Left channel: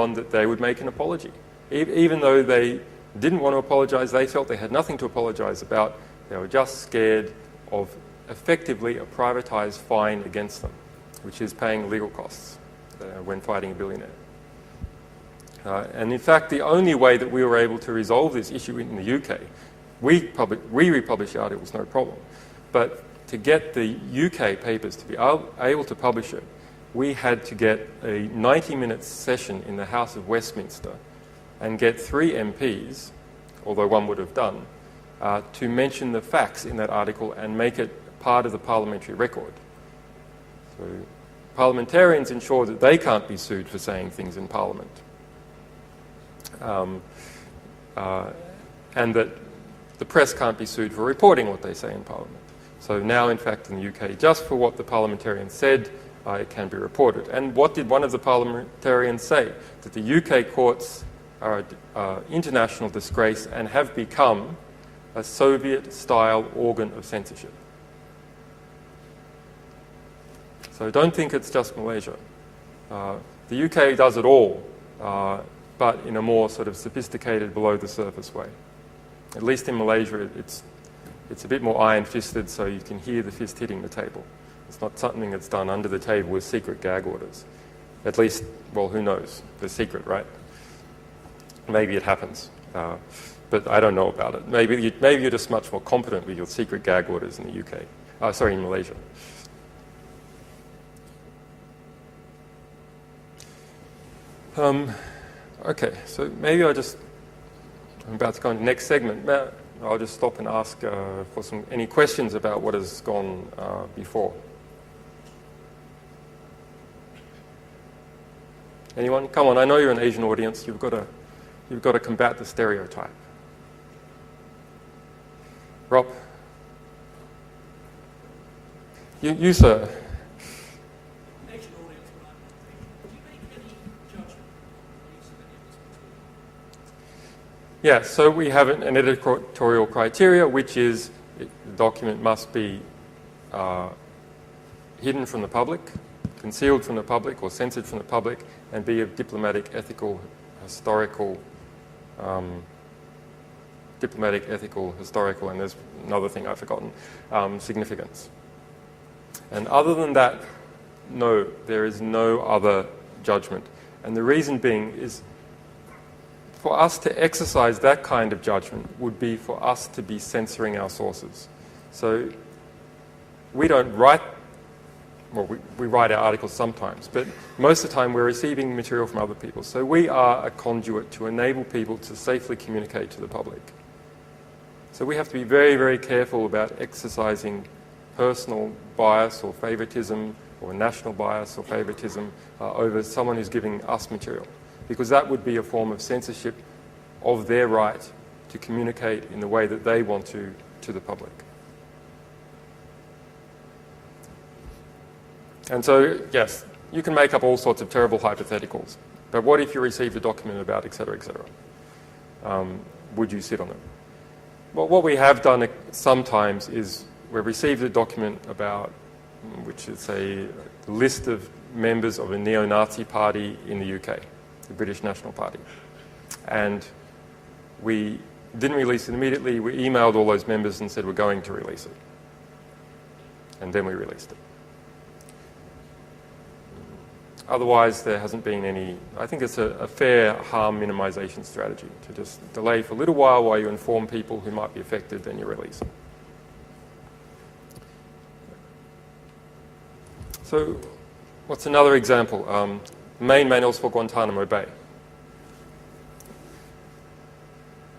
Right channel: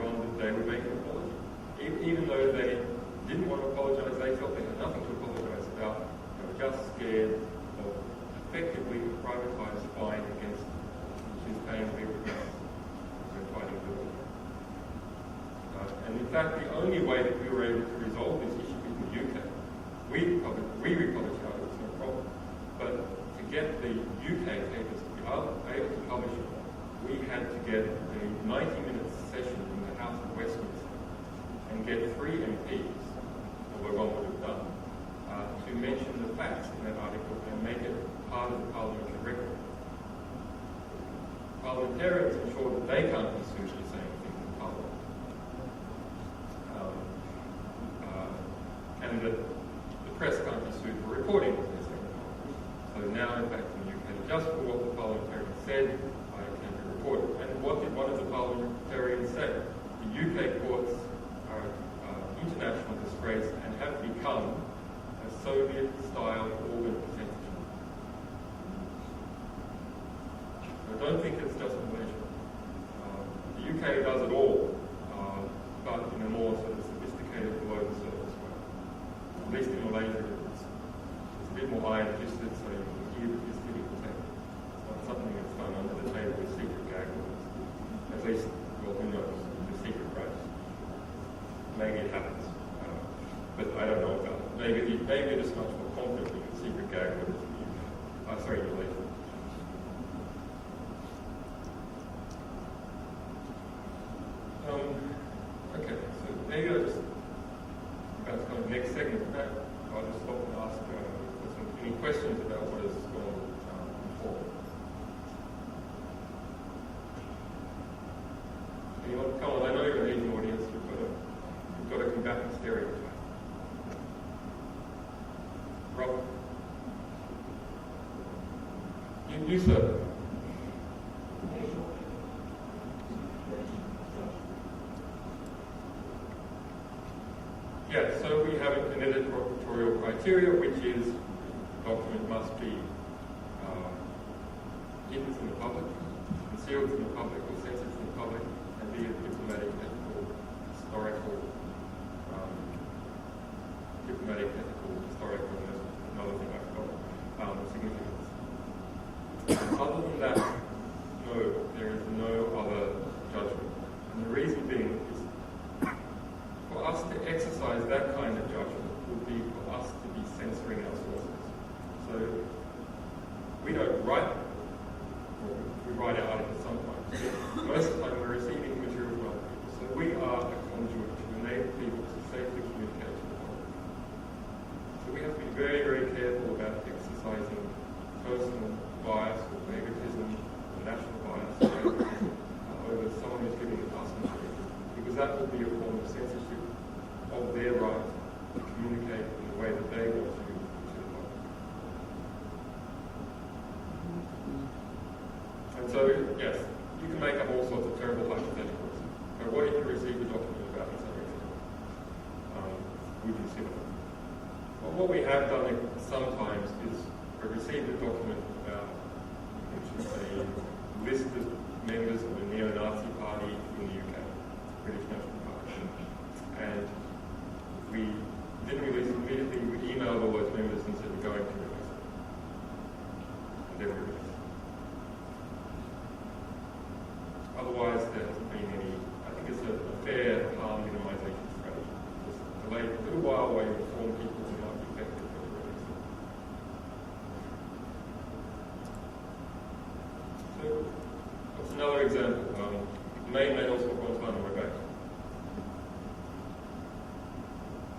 on that they would make an apology. Even though they didn't want to apologise, they felt they had nothing to apologise about. They were just scared of effectively a privatised fine against them, which is paying legal costs when fighting a billionaire. And in fact, the only way that we were able to resolve this issue in the UK, we republished the articles, no problem, but to get the UK papers to be able to publish it, we had to get a 90-minute session in the House of Westminster and get 3 MPs, although one would have done, to mention the facts in that article and make it part of the parliamentary record. So parliamentarians ensure that they can't be sued for saying things in Parliament. And that the press can't be sued for reporting what they say in Parliament. So now, in fact, in the UK, just for what the parliamentarian said, it can be reported. And what did one of the parliamentarians say? That the UK courts are an international disgrace and have become a Soviet-style organ of censorship. So don't think it's just Malaysia. The UK does it all, but in a more sort of sophisticated, below-the-surface way. At least in Malaysia, it's a bit more iron-fisted, so you can hear the fist hitting the table. It's not something that's done under the table with secret gag orders. At least, well, who knows? They're secret, right? Maybe it happens, but I don't know about it. Maybe you're just much more competent with your secret gag orders in the UK. Sorry, in Malaysia. Okay, so maybe I'm about to go on to the next segment. I'll just stop and ask for any questions about what has gone before. Anyone? Come on, I know you're an Asian audience. You've got to combat the stereotype. Rob? You sir. Yeah, so we have an editorial criteria, which is the document must be hidden from the public, concealed from the public, or censored from the public, and be of diplomatic, ethical, historical, and there's another thing I've forgotten, significance. And other than that, no, there is no other judgment. And the reason being is, for us to exercise that kind of judgment would be for us to be censoring our sources. So we don't write, well, we write our articles sometimes, but most of the time we're receiving material from other people. So we are a conduit to enable people to safely communicate to the public. So we have to be very, very careful about exercising personal bias or favoritism, or national bias or favoritism over someone who's giving us material, because that would be a form of censorship of their right to communicate in the way that they want to the public. And so, yes, you can make up all sorts of terrible hypotheticals, but what if you received a document about et cetera, would you sit on it? Well, what we have done sometimes is we've received a document about, which is a list of members of a neo-Nazi party in the UK, the British National Party. And we didn't release it immediately. We emailed all those members and said we're going to release it. And then we released it. Otherwise, there hasn't been any. I think it's a fair harm minimization strategy to just delay for a little while you inform people who might be affected, then you release it. So, what's another example? Main manuals for Guantanamo Bay.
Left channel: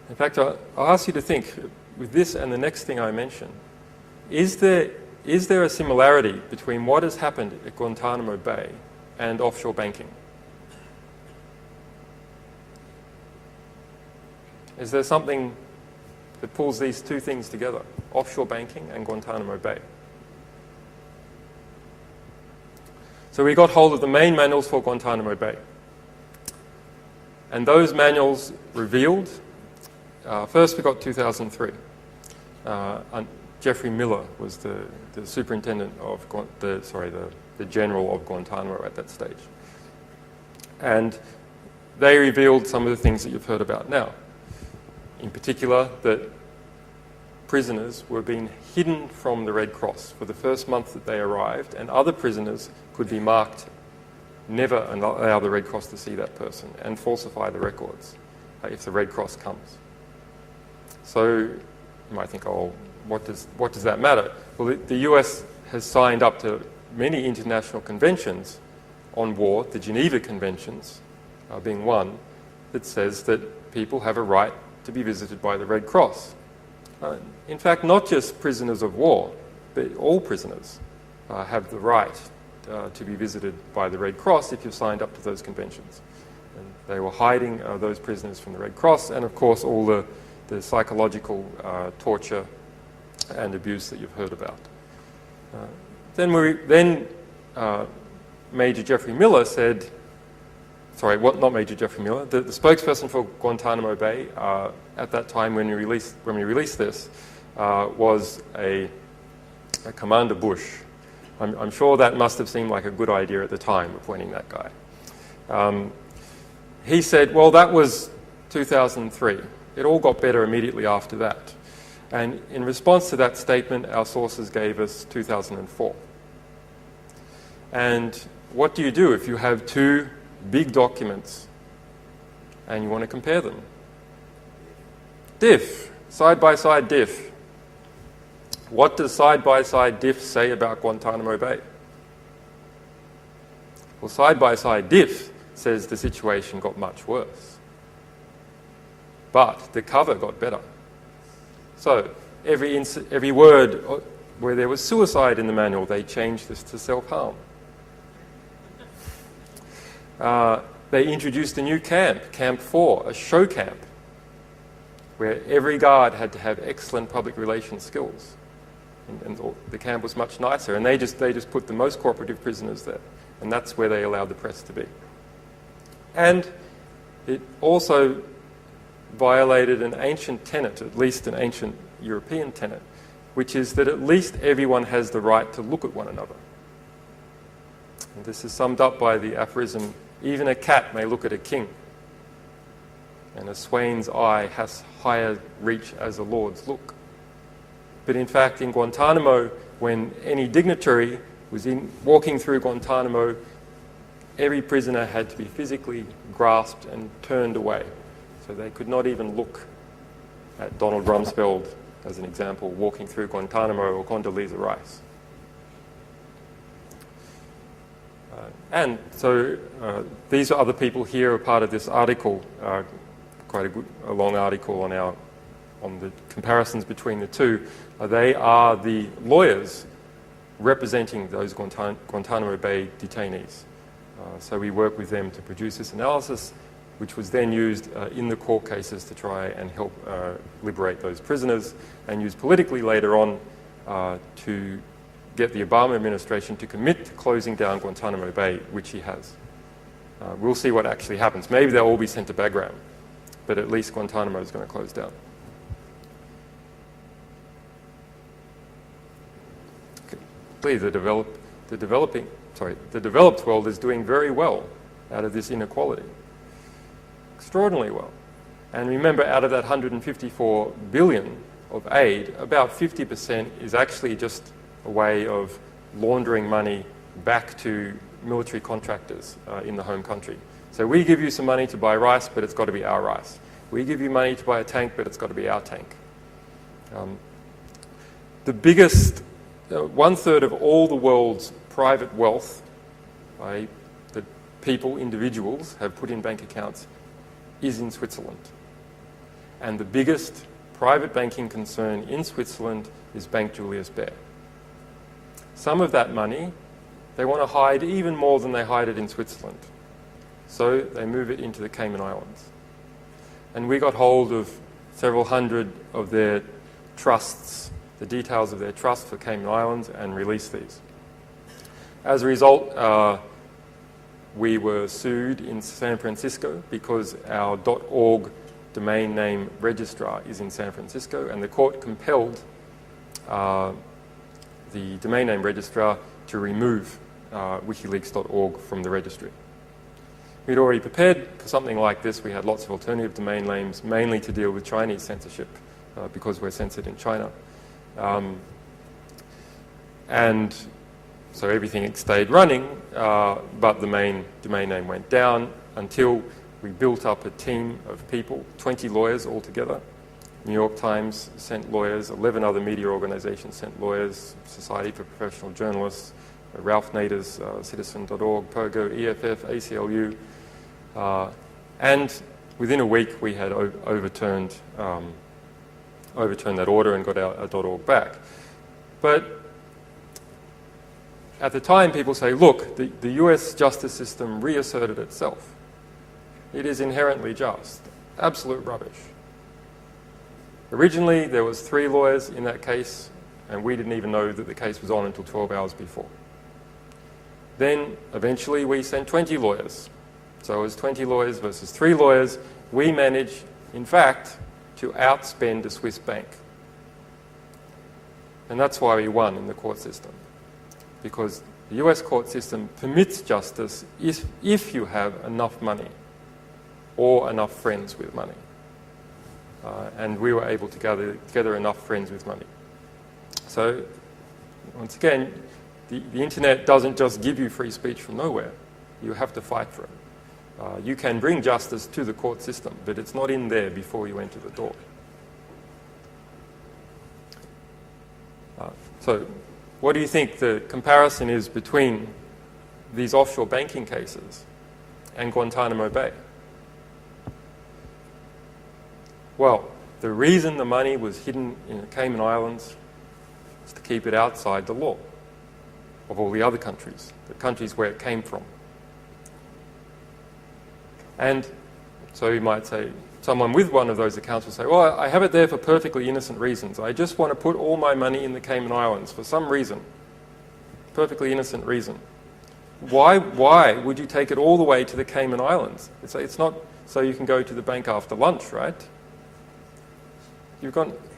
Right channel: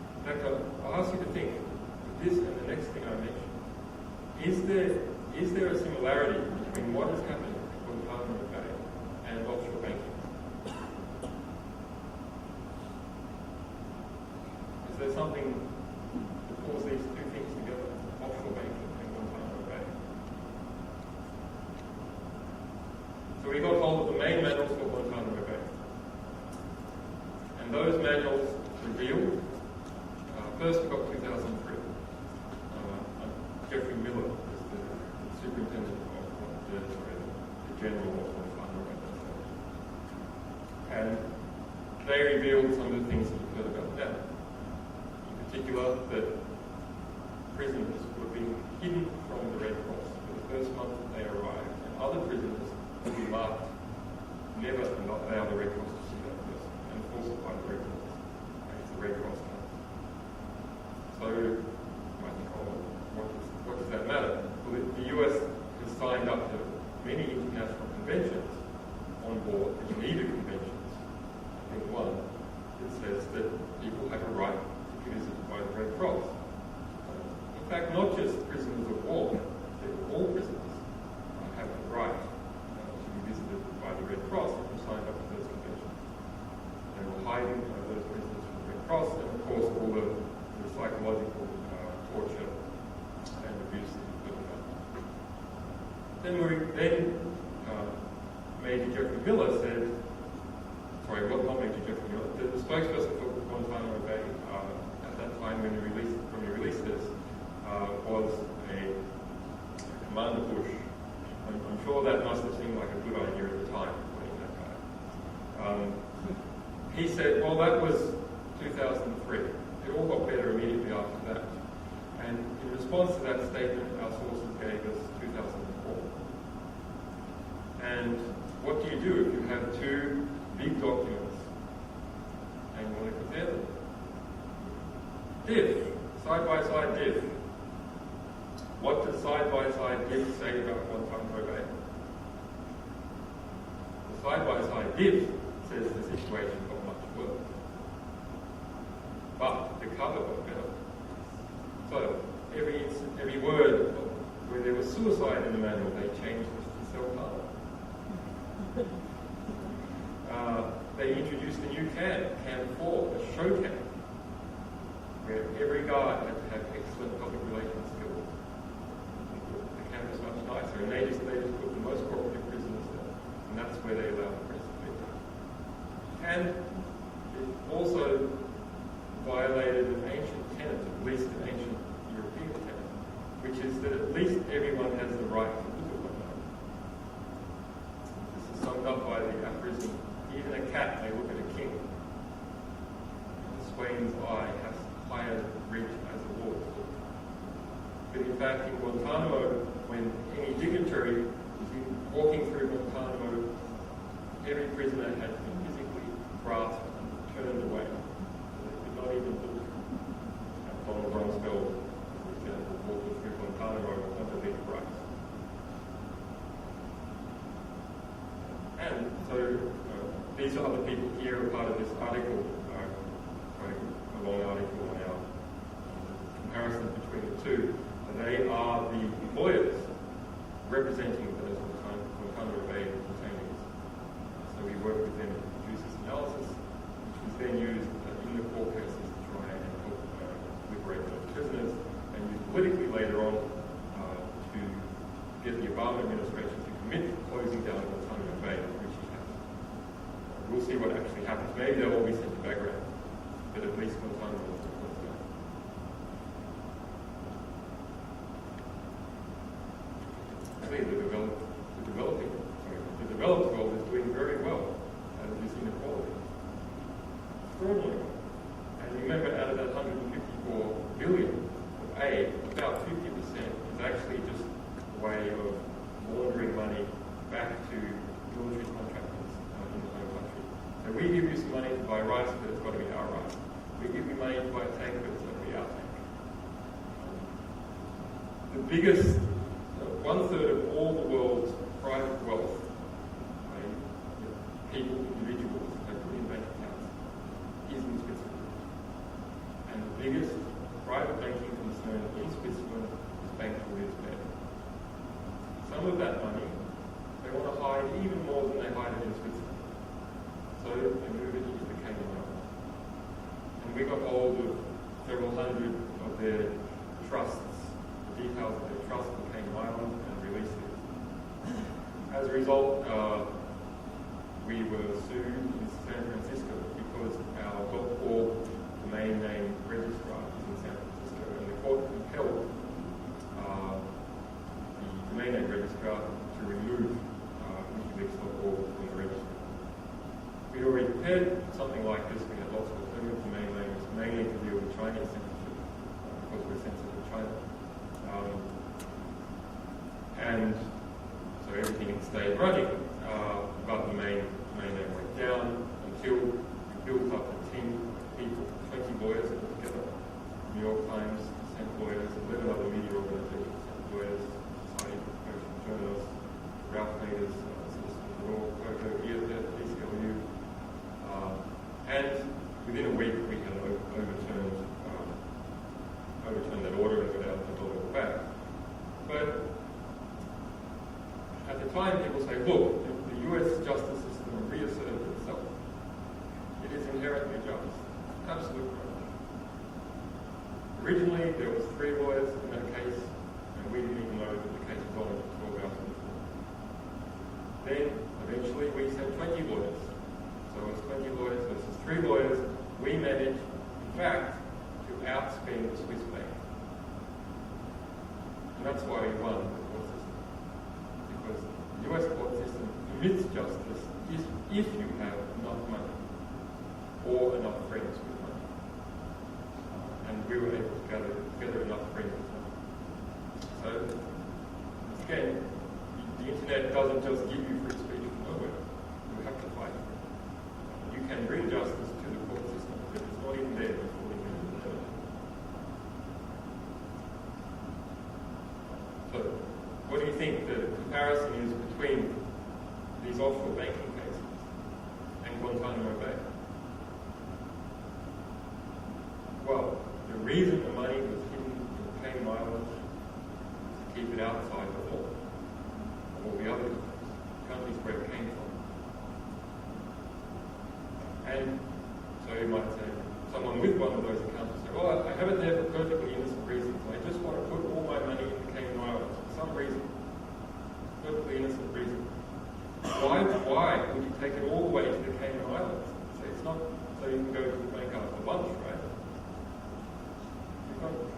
In fact, I'll ask you to think, with this and the next thing I mention, is there a similarity between what has happened at Guantanamo Bay and offshore banking? Is there something that pulls these two things together, offshore banking and Guantanamo Bay? So we got hold of the main manuals for Guantanamo Bay. And those manuals revealed, first we got 2003. Jeffrey Miller was the superintendent of, the general of Guantanamo at that stage. And they revealed some of the things that you've heard about now. In particular, that prisoners were being hidden from the Red Cross for the first month that they arrived, and other prisoners could be marked never allow the Red Cross to see that person and falsify the records if the Red Cross comes. So you might think, oh, what does that matter? Well, the US has signed up to many international conventions on war, the Geneva Conventions being one, that says that people have a right to be visited by the Red Cross. In fact, not just prisoners of war, but all prisoners have the right to be visited by the Red Cross if you've signed up to those conventions. And they were hiding those prisoners from the Red Cross, and of course all the psychological torture and abuse that you've heard about. Then Major Jeffrey Miller said, sorry, not Major Jeffrey Miller, the spokesperson for Guantanamo Bay at that time when we released this was a Commander Bush. I'm sure that must have seemed like a good idea at the time, appointing that guy. He said, well, that was 2003. It all got better immediately after that. And in response to that statement, our sources gave us 2004. And what do you do if you have two big documents and you want to compare them? Diff, side-by-side diff. What does side-by-side diff say about Guantanamo Bay? Well, side-by-side diff says the situation got much worse. But the cover got better. So every word where there was suicide in the manual, they changed this to self-harm. They introduced a new camp, Camp 4, a show camp, where every guard had to have excellent public relations skills. And the camp was much nicer, and they just put the most cooperative prisoners there, and that's where they allowed the press to be. And it also violated an ancient tenet, at least an ancient European tenet, which is that at least everyone has the right to look at one another. And this is summed up by the aphorism, even a cat may look at a king, and a swain's eye has higher reach as a lord's look. But in fact, in Guantanamo, when any dignitary was walking through Guantanamo, every prisoner had to be physically grasped and turned away. So they could not even look at Donald Rumsfeld, as an example, walking through Guantanamo, or Condoleezza Rice. And so these other people here are part of this article, quite a long article on the comparisons between the two. They are the lawyers representing those Guantanamo Bay detainees. So we work with them to produce this analysis, which was then used in the court cases to try and help liberate those prisoners, and used politically later on to get the Obama administration to commit to closing down Guantanamo Bay, which he has. We'll see what actually happens. Maybe they'll all be sent to Bagram, but at least Guantanamo is going to close down. Please, the developed world is doing very well out of this inequality. Extraordinarily well. And remember, out of that 154 billion of aid, about 50% is actually just a way of laundering money back to military contractors in the home country. So we give you some money to buy rice, but it's got to be our rice. We give you money to buy a tank, but it's got to be our tank. The biggest, 1/3 of all the world's private wealth that people, individuals, have put in bank accounts is in Switzerland. And the biggest private banking concern in Switzerland is Bank Julius Baer. Some of that money they want to hide even more than they hide it in Switzerland. So they move it into the Cayman Islands. And we got hold of several hundred of their trusts, the details of their trust for Cayman Islands, and released these. As a result, we were sued in San Francisco because our .org domain name registrar is in San Francisco, and the court compelled the domain name registrar to remove wikileaks.org from the registry. we'd already prepared for something like this. We had lots of alternative domain names, mainly to deal with Chinese censorship, because we're censored in China. And so everything had stayed running, but the main domain name went down until we built up a team of people, 20 lawyers altogether. New York Times sent lawyers, 11 other media organizations sent lawyers, Society for Professional Journalists, Ralph Nader's Citizen.org, Pergo, EFF, ACLU, and within a week we had overturned that order and got our .org back. But at the time, people say, look, the US justice system reasserted itself. It is inherently just. Absolute rubbish. Originally, there was 3 lawyers in that case, and we didn't even know that the case was on until 12 hours before. Then, eventually, we sent 20 lawyers. So it was 20 lawyers versus 3 lawyers. We managed, in fact, to outspend a Swiss bank. And that's why we won in the court system. Because the US court system permits justice if you have enough money or enough friends with money. And we were able to gather together enough friends with money. So, once again, the internet doesn't just give you free speech from nowhere. You have to fight for it. You can bring justice to the court system, but it's not in there before you enter the door. So, what do you think the comparison is between these offshore banking cases and Guantanamo Bay? Well, the reason the money was hidden in the Cayman Islands is to keep it outside the law of all the other countries, the countries where it came from. And so you might say, someone with one of those accounts will say, well, I have it there for perfectly innocent reasons. I just want to put all my money in the Cayman Islands for some reason, perfectly innocent reason. Why would you take it all the way to the Cayman Islands? It's not so you can go to the bank after lunch, right?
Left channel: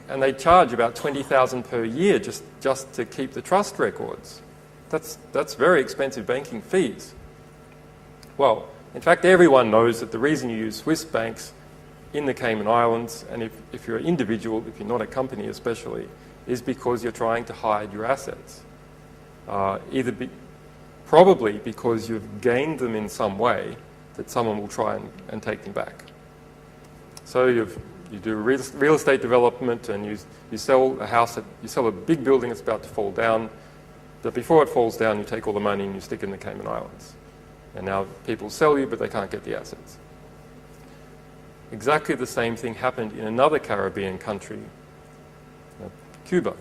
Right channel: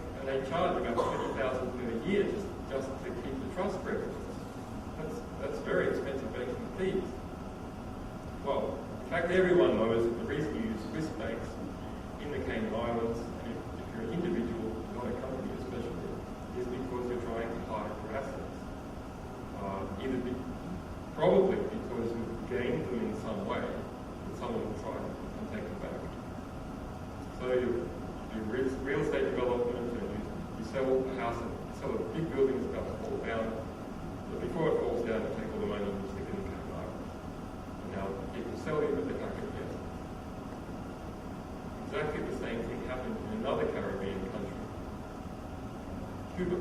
And they charge about $20,000 per year just to keep the trust records. That's very expensive banking fees. Well, in fact, everyone knows that the reason you use Swiss banks in the Cayman Islands, and if you're an individual, if you're not a company especially, is because you're trying to hide your assets. Probably because you've gained them in some way that someone will try and take them back. So you do real estate development and you sell a house, you sell a big building that's about to fall down, but before it falls down you take all the money and you stick it in the Cayman Islands. And now people sell you, but they can't get the assets. Exactly the same thing happened in another Caribbean country, Cuba.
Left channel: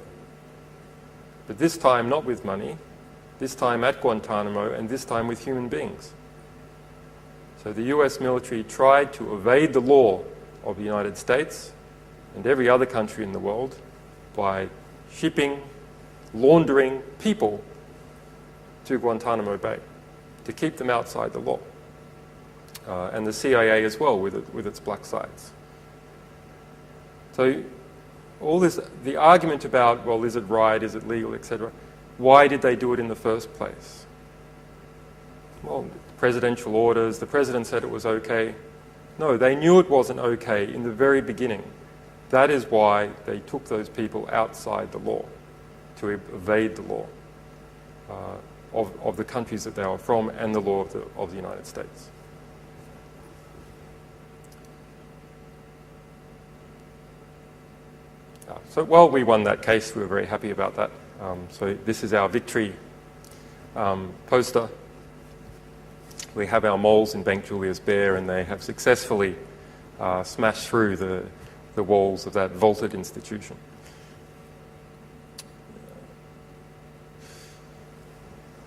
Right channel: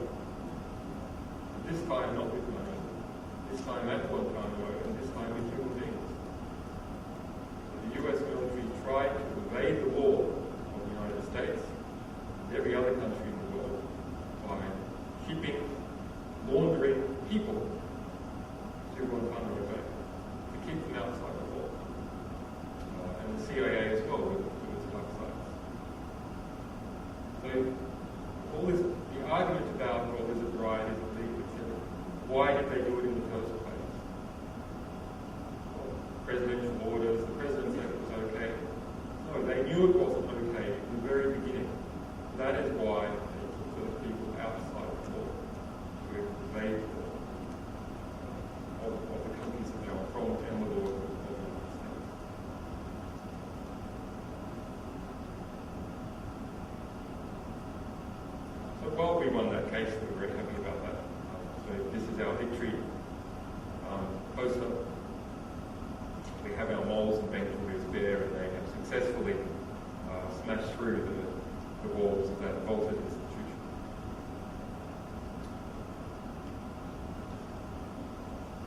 But this time not with money, this time at Guantanamo, and this time with human beings. So the US military tried to evade the law of the United States and every other country in the world by shipping, laundering people to Guantanamo Bay to keep them outside the law. And the CIA as well with its black sites. So all this, the argument about, well, is it right, is it legal, etc. Why did they do it in the first place? Well, presidential orders, the president said it was okay. No, they knew it wasn't okay in the very beginning. That is why they took those people outside the law, to evade the law of the countries that they were from and the law of the United States. So while we won that case, we were very happy about that. So this is our victory poster. We have our moles in Bank Julius Baer, and they have successfully smashed through the walls of that vaulted institution.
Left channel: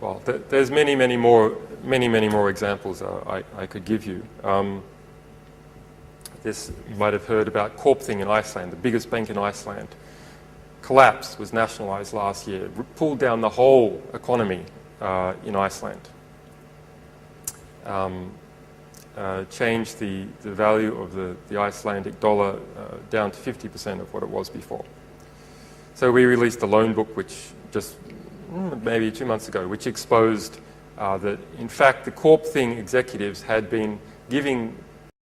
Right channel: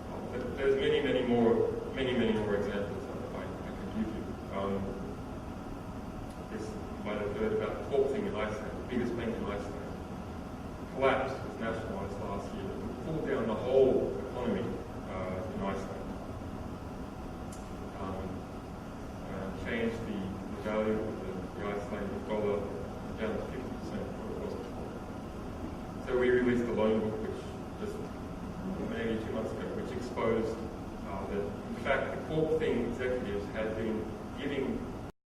Well, there's many more examples I could give you. This, you might have heard about Kaupthing in Iceland, the biggest bank in Iceland. Collapsed, was nationalised last year. It pulled down the whole economy in Iceland. Changed the value of the Icelandic dollar down to 50% of what it was before. So we released a loan book, which just maybe 2 months ago, which exposed that in fact the Corp Thing executives had been giving